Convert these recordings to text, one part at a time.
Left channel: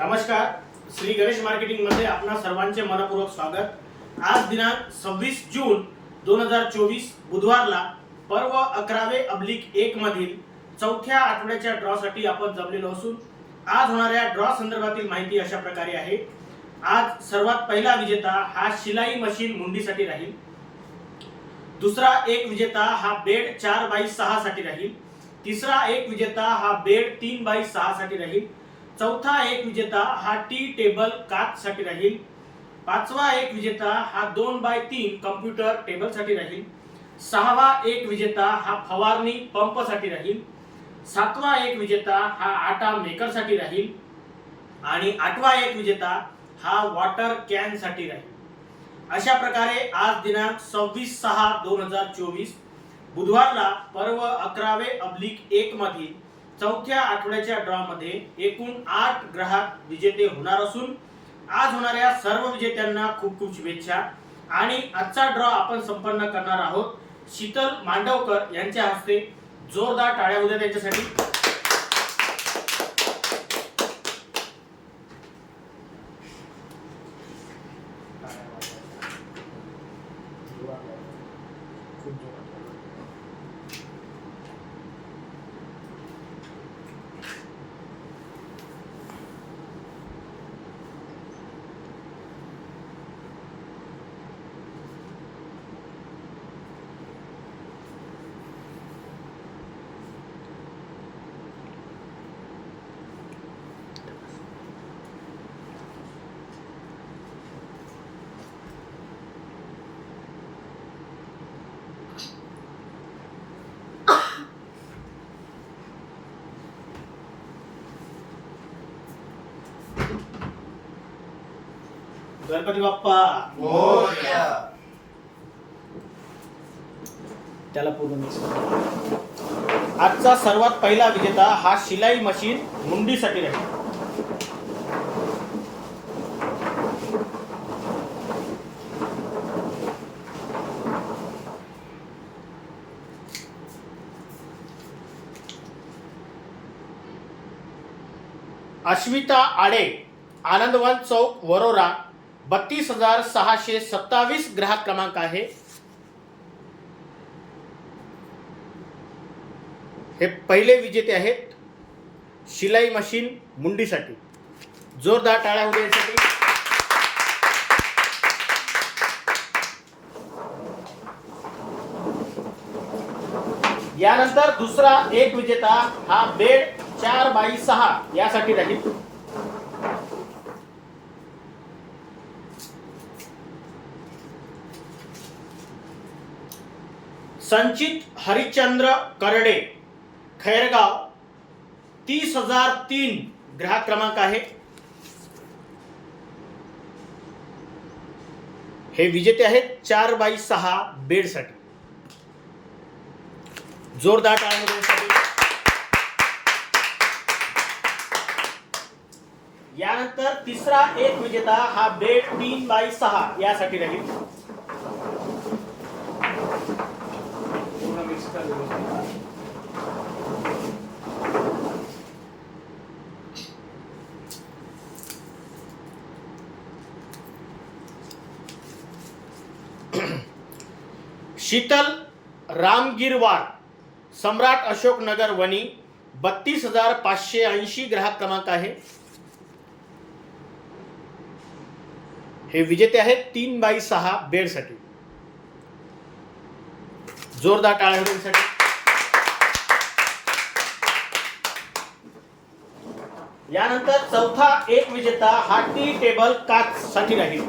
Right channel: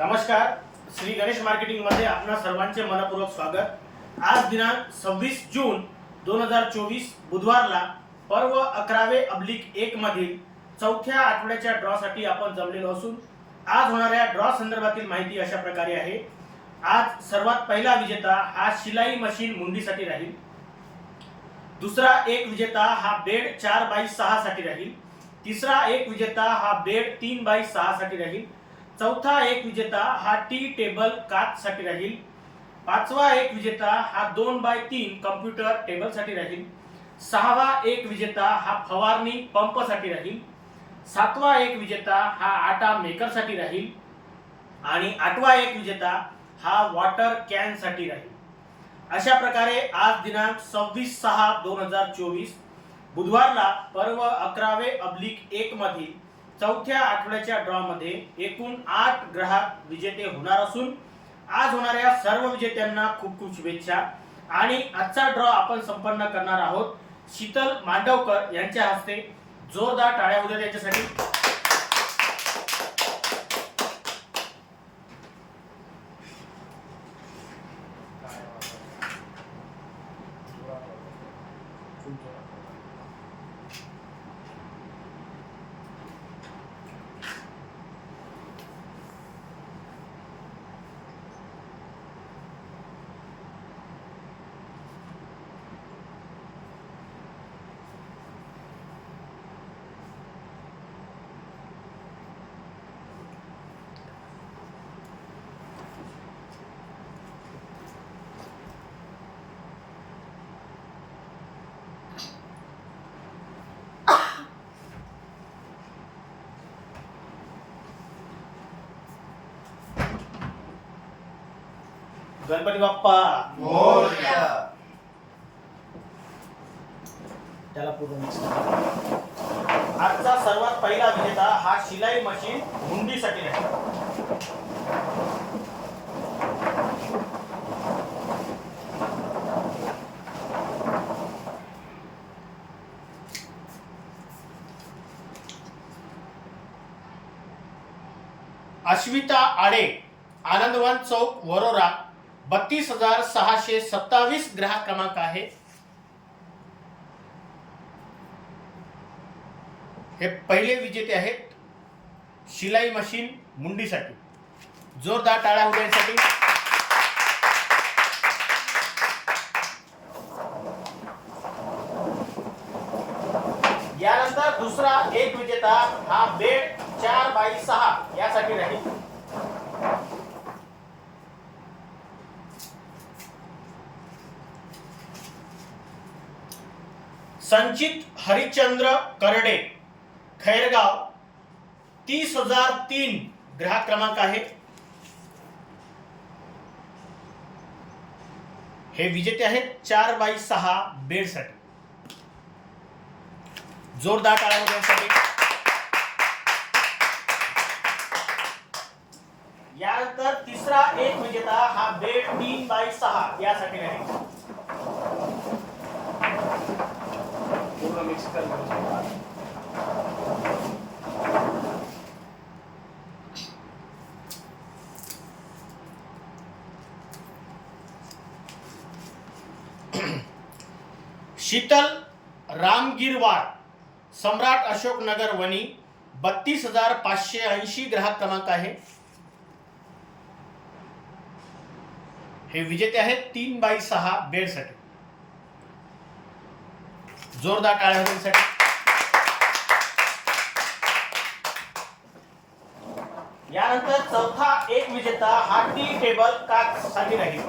नमस्कार श्री गणेश मार्केटिंगमध्ये आपणा सर्वांचे मनपूर्वक स्वागत. आज दिनांक सव्वीस जून दोन हजार चोवीस बुधवारला पर्व अकरावे अब्लिक एक मधील चौथ्या आठवड्याच्या ड्रॉ साठी आपण जमलेलो असून आज होणाऱ्या ड्रॉ संदर्भातील माहिती अशा प्रकारे आहे. आज सर्वात पहिला विजेता हा शिलाई मशीन मुंडीसाठी राहील. दुसरा एक विजेता हा बेड चार बाय सहा साठी राहील. तिसरा एक विजेता हा बेड तीन बाय सहा साठी राहील. चौथा एक विजेता हा टी टेबल काच साठी राहील. पाचवा एक विजेता हा दोन बाय तीन कम्प्युटर टेबलसाठी राहील. सहावा एक विजेता हा फवारणी पंपसाठी राहील. सातवा एक विजेता हा आटा मेकरसाठी राहील. आणि आठवा एक विजेता हा वॉटर कॅनसाठी राहील. अशा प्रकारे आज दिनांक सव्वीस सहा दोन हजार चोवीस बुधवारला पर्व अकरावे अब्लिक एक मधील चौथ्या आठवड्याच्या ड्रॉ मध्ये एकूण आठ ग्राहक विजेते होणार असून आज होणाऱ्या सर्व विजेत्यांना खूप खूप शुभेच्छा. आणि आजचा ड्रॉ आपण संपन्न करणार आहोत शीतल मांडवकर यांच्या हस्ते. जोरदार टाळ्या उद्या त्यांच्यासाठी. गणपती बाप्पा. मोरया. त्याला पूर्ण मिक्स. आजचा सर्वात पहिला विजेता हा शिलाई मशीन मुंडीसाठी राहील अश्विता आडे आनंदवन चौक वरोरा. बत्तीस हजार सहाशे सत्तावीस ग्राहक क्रमांक आहे. हे पहिले विजेते आहेत. शिलाई मशीन मुंडीसाठी. जोरदार टाळ्या होऊ यानंतर दुसरा एक विजेता हा बेड चार बाई सहा यासाठी राहील. संचित हरिश्चंद्र करडे खैरगाव तीस हजार तीन ग्राहक क्रमांक आहे. हे विजेते आहेत चार बाय सहा बेडसाठी जोरदार टाळ्या होऊ यानंतर तिसरा एक विजेता हा बेड तीन बाय सहा यासाठी राहील. पूर्ण मिक्स कर. शीतल रामगिरवार, सम्राट अशोक नगर वणी बत्तीस हज़ार पाचशे ऐंशी ग्राहक क्रमांक हे विजेते आहेत तीन बाय सहा बेडसाठी जोरदार टाळ्या होऊ यानंतर चौथा एक विजेता हा टी टेबल काच साठी राहील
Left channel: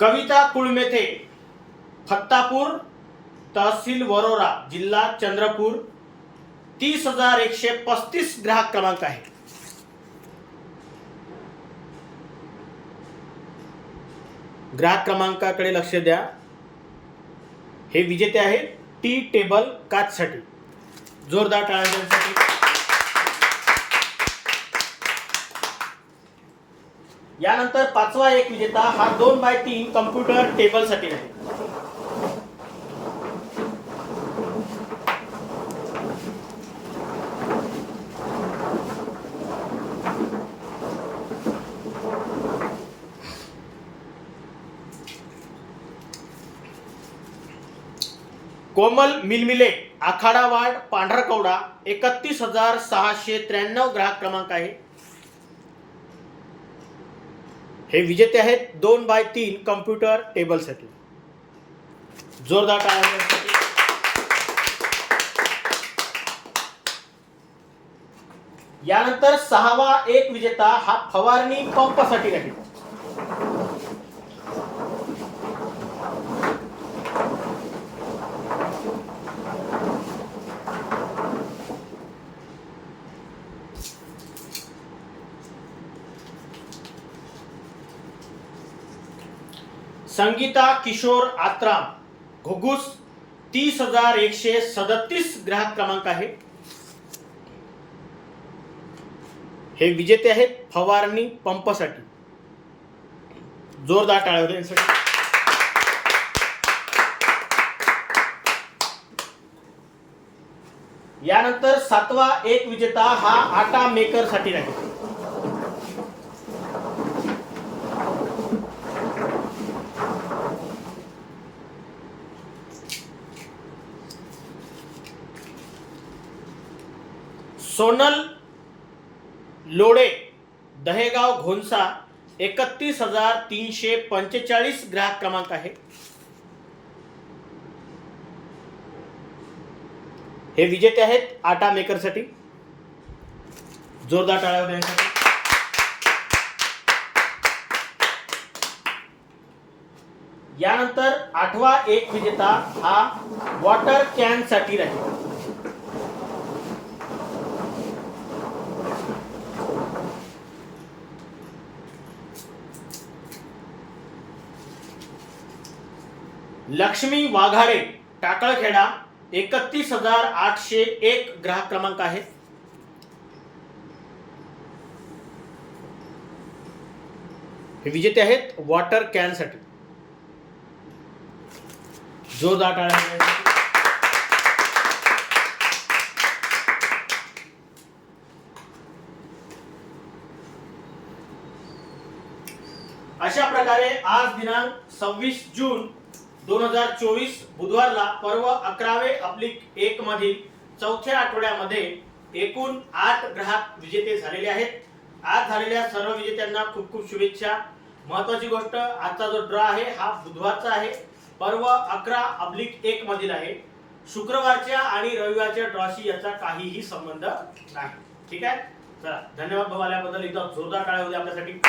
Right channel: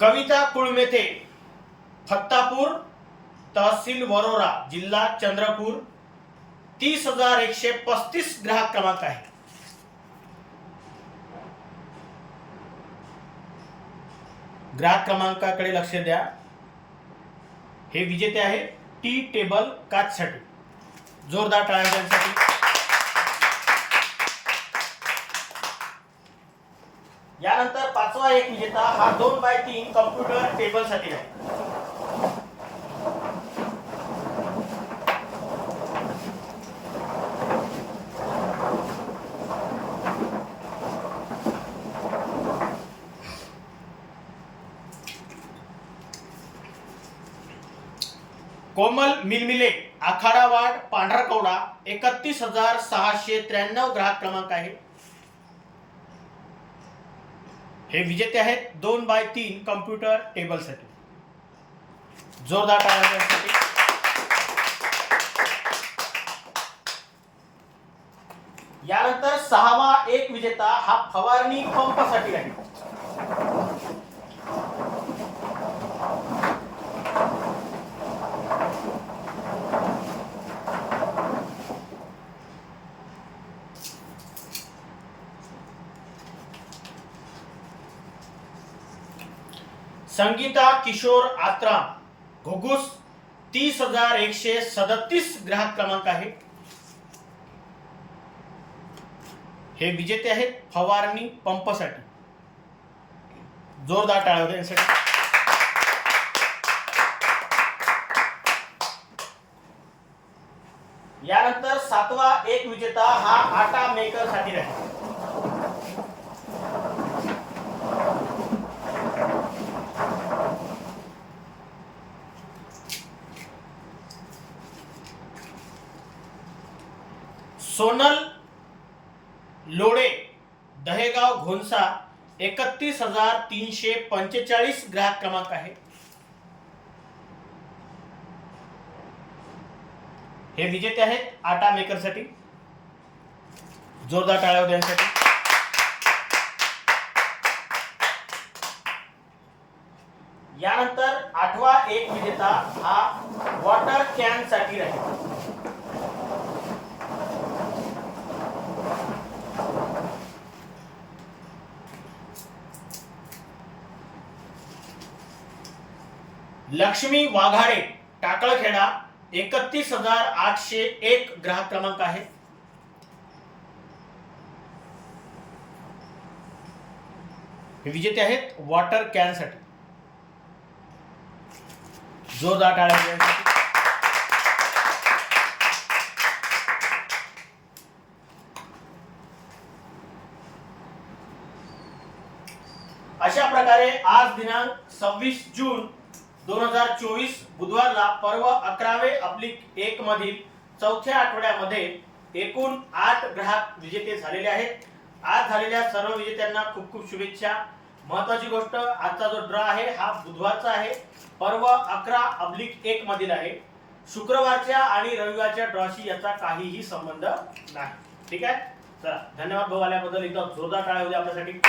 कविता कुळमेथे फत्तापूर तहसील वरोरा जिल्हा चंद्रपूर तीस हजार एकशे पस्तीस ग्राहक क्रमांक आहे. ग्राहक क्रमांकाकडे लक्ष द्या. हे विजेते आहे टी टेबल काचसाठी. जोरदार टाळ्या यानंतर पाचवा एक विजेता हा दोन बाय तीन कम्प्युटर टेबलसाठी आहे. कोमल मिलमिले आखाडा वार्ड एकतीस हजार सहाशे त्र्याण्णव ग्राहक क्रमांक आहे. हे विजेते आहेत दोन बाय तीन कम्प्युटर टेबलसाठी. जोरदार टाळ्या यानंतर सहावा एक विजेता हा फवारणी पंपसाठी आहे. संगीता किशोर आत्राम घुगुस तीस हजार एकशे सदतीस ग्राहक क्रमांक आहे. हे विजेते आहेत फवारणी पंपसाठी. जोरदार टाळ्या यांसाठी. यानंतर सातवा एक विजेता हा आटा मेकरसाठी आहे सोनल लोडे दहेगाव घोनसा एकतीस हजार तीनशे पंचेचाळीस ग्राहक क्रमांक आहे. हे विजेते आहेत आटा मेकरसाठी जोरदार टाळ्या होत्या यानंतर आठवा एक विजेता हा वॉटर कॅनसाठी राहील. लक्ष्मी वाघाडे टाकळखेडा एकतीस हजार आठशे एक ग्राहक क्रमांक आहे. हे विजेते आहेत वॉटर कॅनसाठी. जोरदार टाळ्या अशा प्रकारे आज दिनांक सव्वीस जून दोन हजार चोवीस बुधवारला पर्व अकरावे अब्लिक एक मधील चौथ्या आठवड्यामध्ये एकूण आठ ग्राहक विजेते झालेले आहेत. आज झालेल्या सर्व विजेत्यांना खूप खूप शुभेच्छा. महत्वाची गोष्ट आजचा जो ड्रॉ आहे हा बुधवारचा आहे. पर्व अकरा अब्लिक एक मधील आहे. शुक्रवारच्या आणि रविवारच्या ड्रॉशी याचा काहीही संबंध नाही. ठीक आहे? चला धन्यवाद भाऊ आल्याबद्दल. इथं जोरदार टाळ्या होते आपल्यासाठी.